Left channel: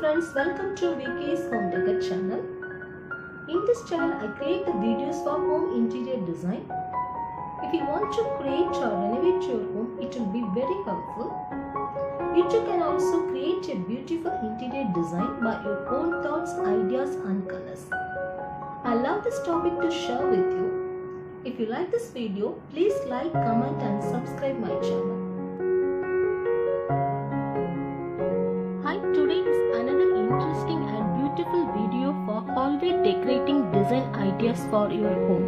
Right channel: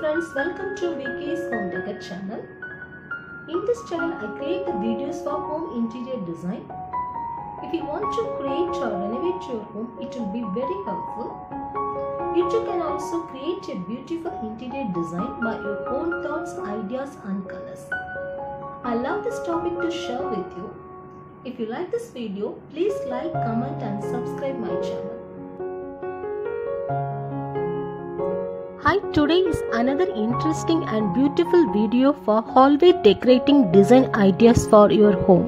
friends, welcome to VK's Home Decor channel. In this channel, I create the videos for home interior design. If you want to create or renovate your home, it will be very helpful. You too can also create a beautiful interior design by your own thoughts, ideas and colors. I love this topic to share with you. If you like this video, please like, comment and subscribe my channel. Hi, today is another interesting and beautiful video for hallway decorating design ideas for your home.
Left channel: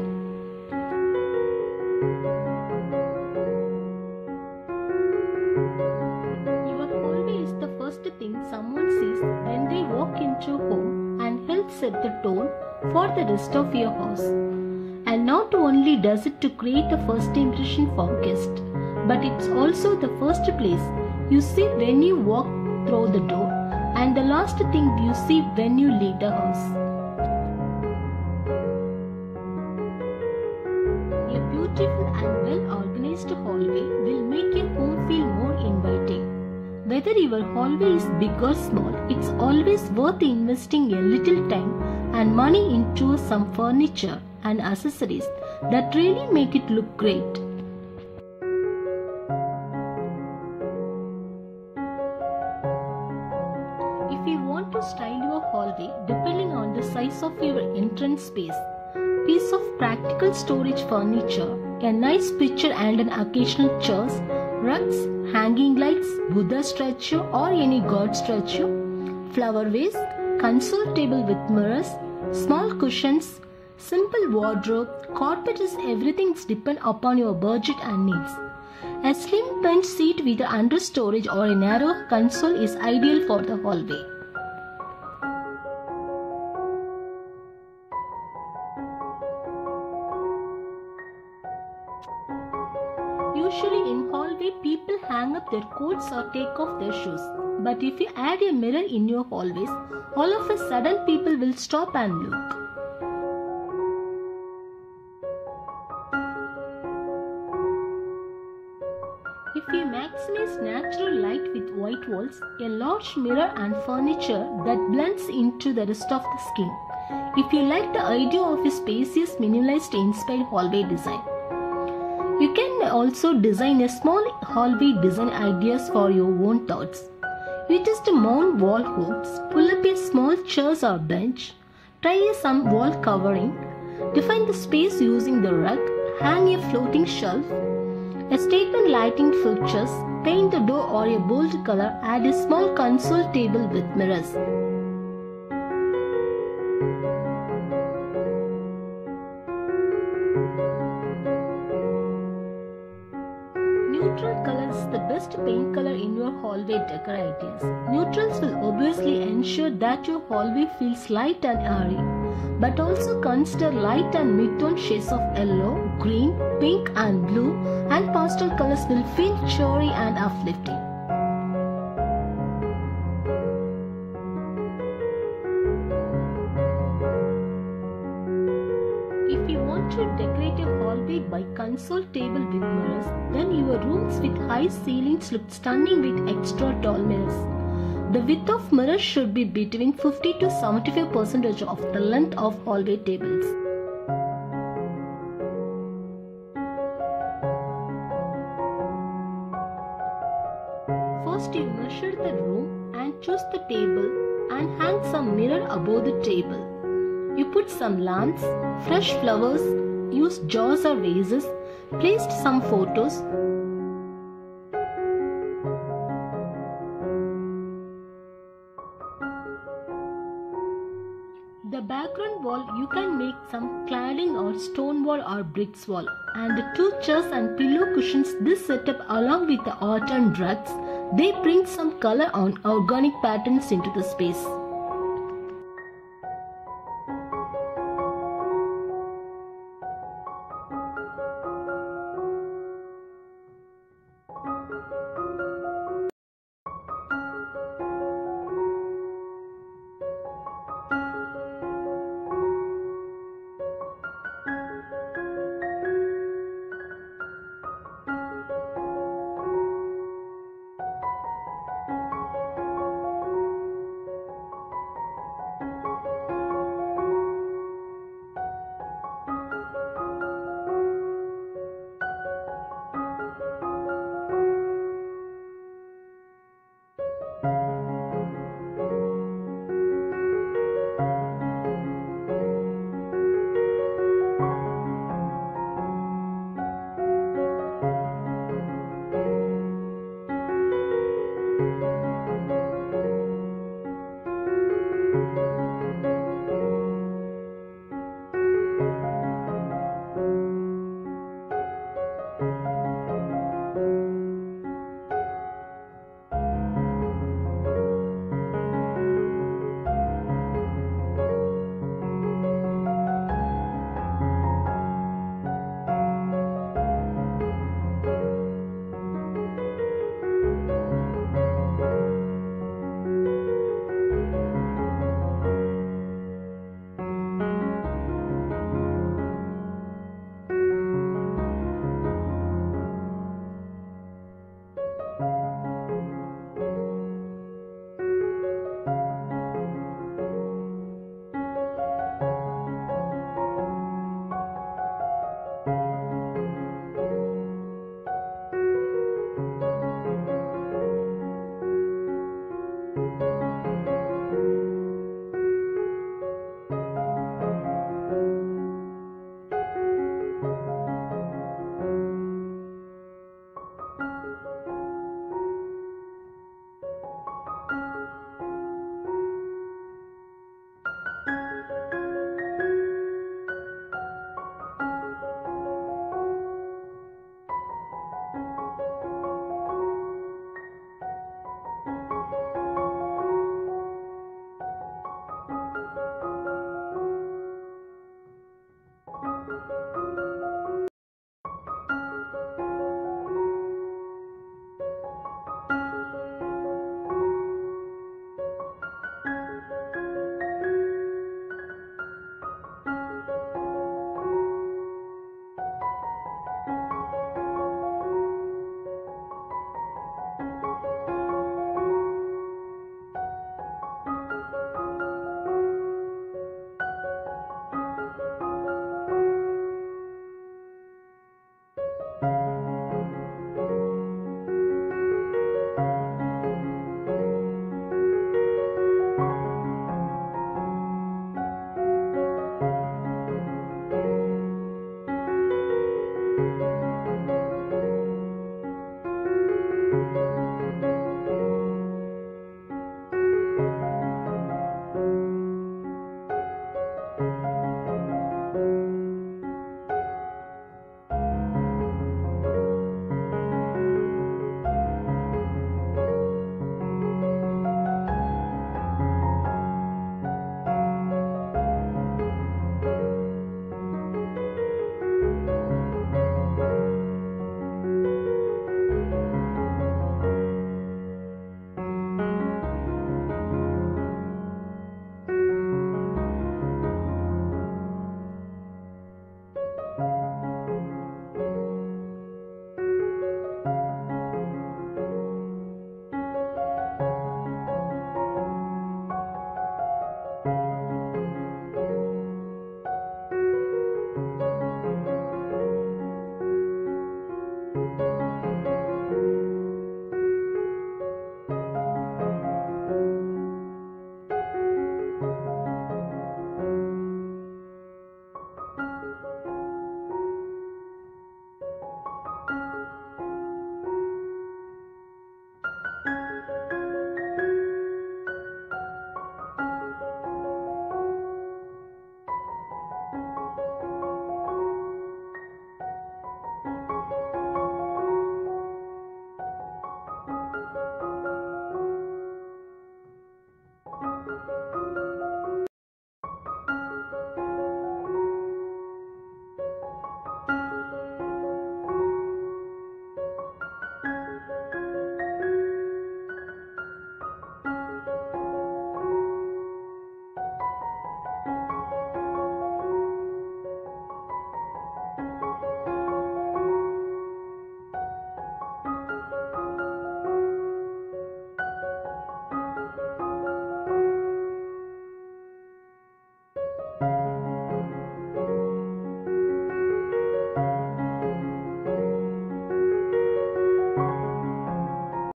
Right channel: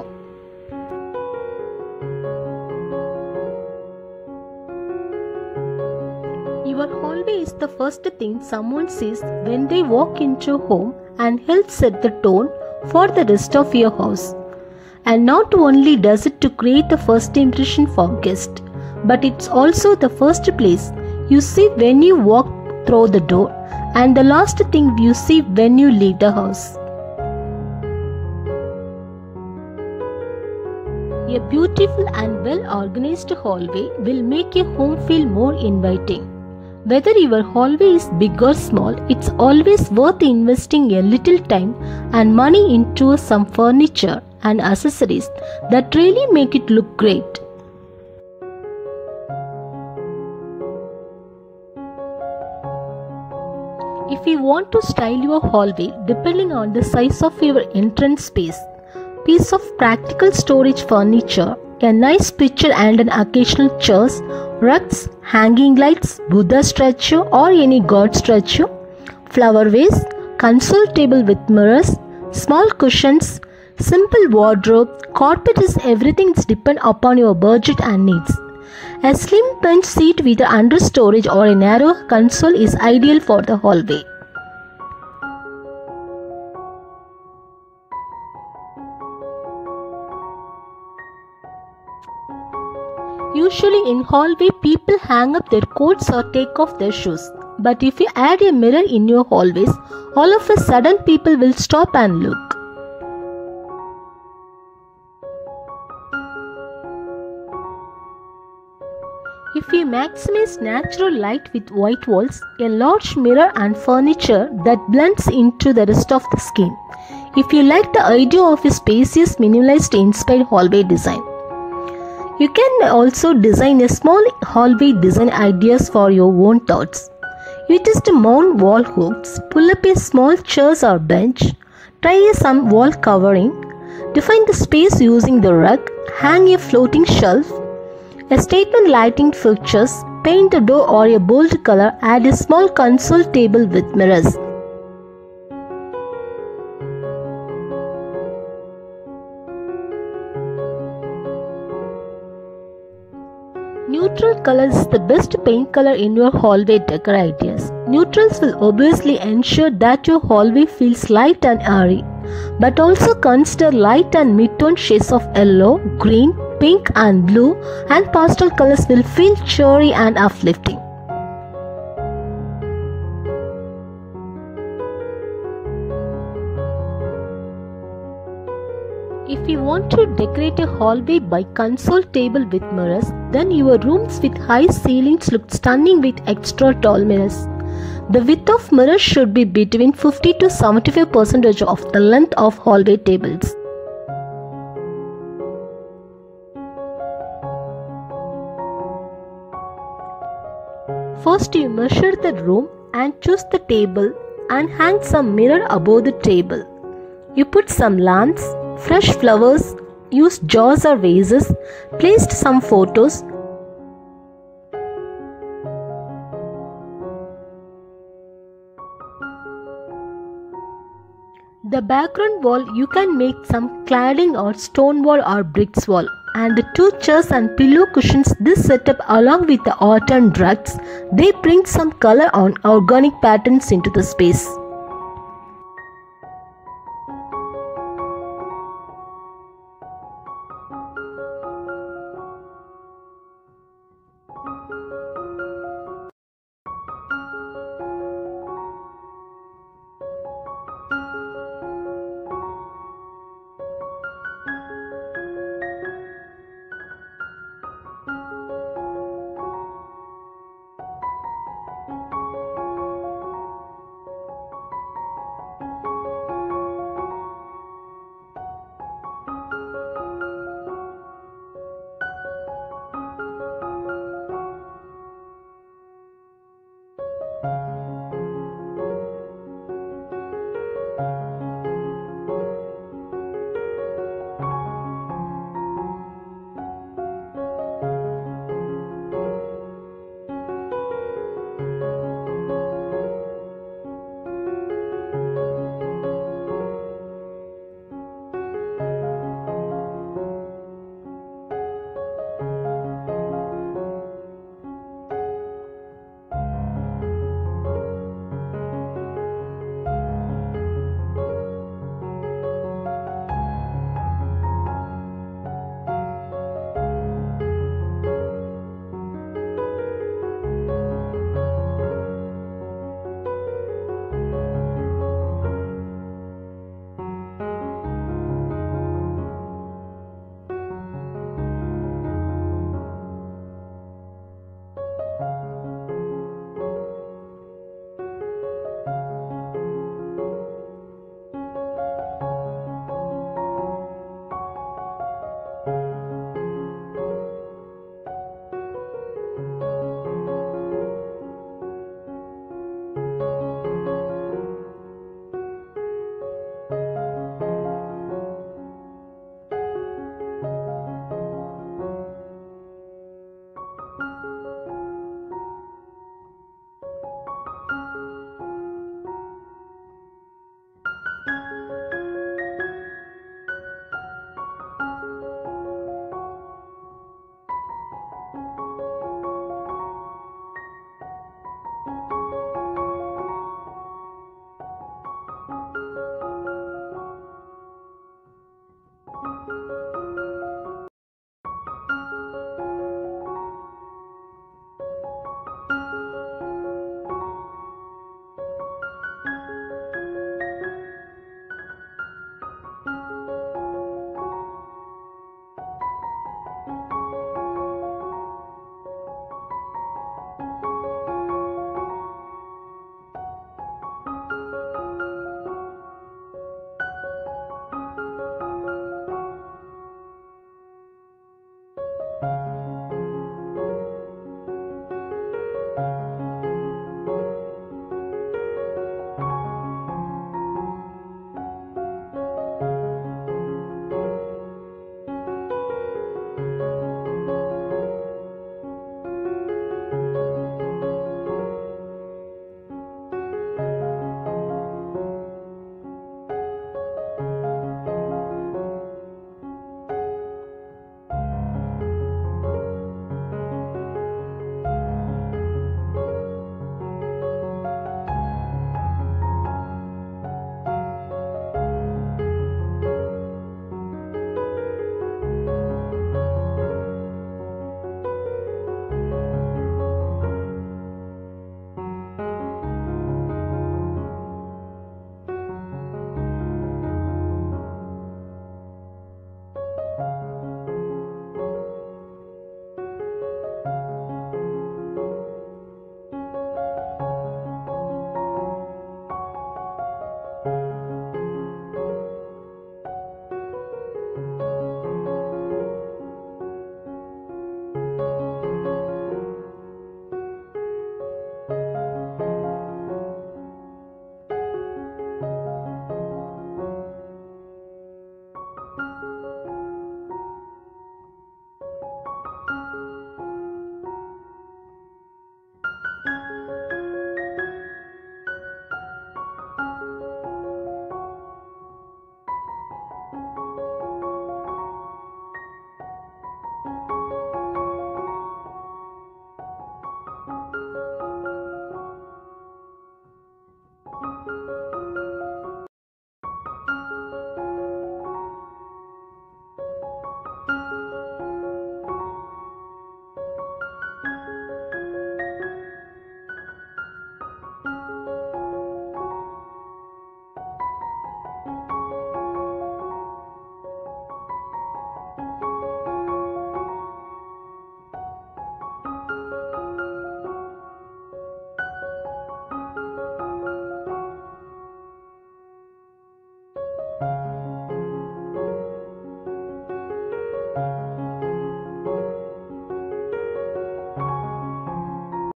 Your hallway is the first thing someone sees when they walk into a home and helps set the tone for the rest of your house. And not only does it to create a first impression for guests, but it's also the first place you see when you walk through the door and the last thing you see when you leave the house. A beautiful and well-organized hallway will make your home feel more inviting. Whether your hallway is big or small, it's always worth investing a little time and money into some furniture and accessories that really make it look great. If you want to style your hallway depending on the size of your entrance space, piece of practical storage furniture, a nice picture and an occasional chairs, rugs, hanging lights, Buddha statue or any god statue, flower vase, console table with mirrors, small cushions, simple wardrobe, carpet is everything depend upon your budget and needs. A slim bench seat with an under storage or a narrow console is ideal for the hallway. Usually in hallway people hang up their coats or take off their shoes. But if you add a mirror in your hallways, all of a sudden people will stop and look. If you maximize natural light with white walls, a large mirror and furniture that blends into the rest of the scheme. If you like the idea of a spacious minimalist inspired hallway design. You can also design a small hallway design ideas for your own thoughts. You just mount wall hooks, pull up a small chairs or bench, try some wall covering, define the space using the rug, hang a floating shelf, a statement lighting fixtures, paint the door or a bold color, add a small console table with mirrors. Neutral color is the best paint color in your hallway decor ideas. Neutrals will obviously ensure that your hallway feels light and airy, but also consider light and mid-tone shades of yellow, green, pink and blue, and pastel colors will feel cheery and uplifting. If you want to decorate a hallway by console table with mirrors, then your rooms with high ceilings look stunning with extra tall mirrors. The width of mirrors should be between 50 to 75% of the length of hallway tables. First you measure the room and choose the table and hang some mirror above the table. You put some lamps, fresh flowers, use jars or vases, placed some photos. The background wall you can make some cladding or stone wall or bricks wall. And the two chairs and pillow cushions this setup along with the art and rugs, they bring some color on organic patterns into the space.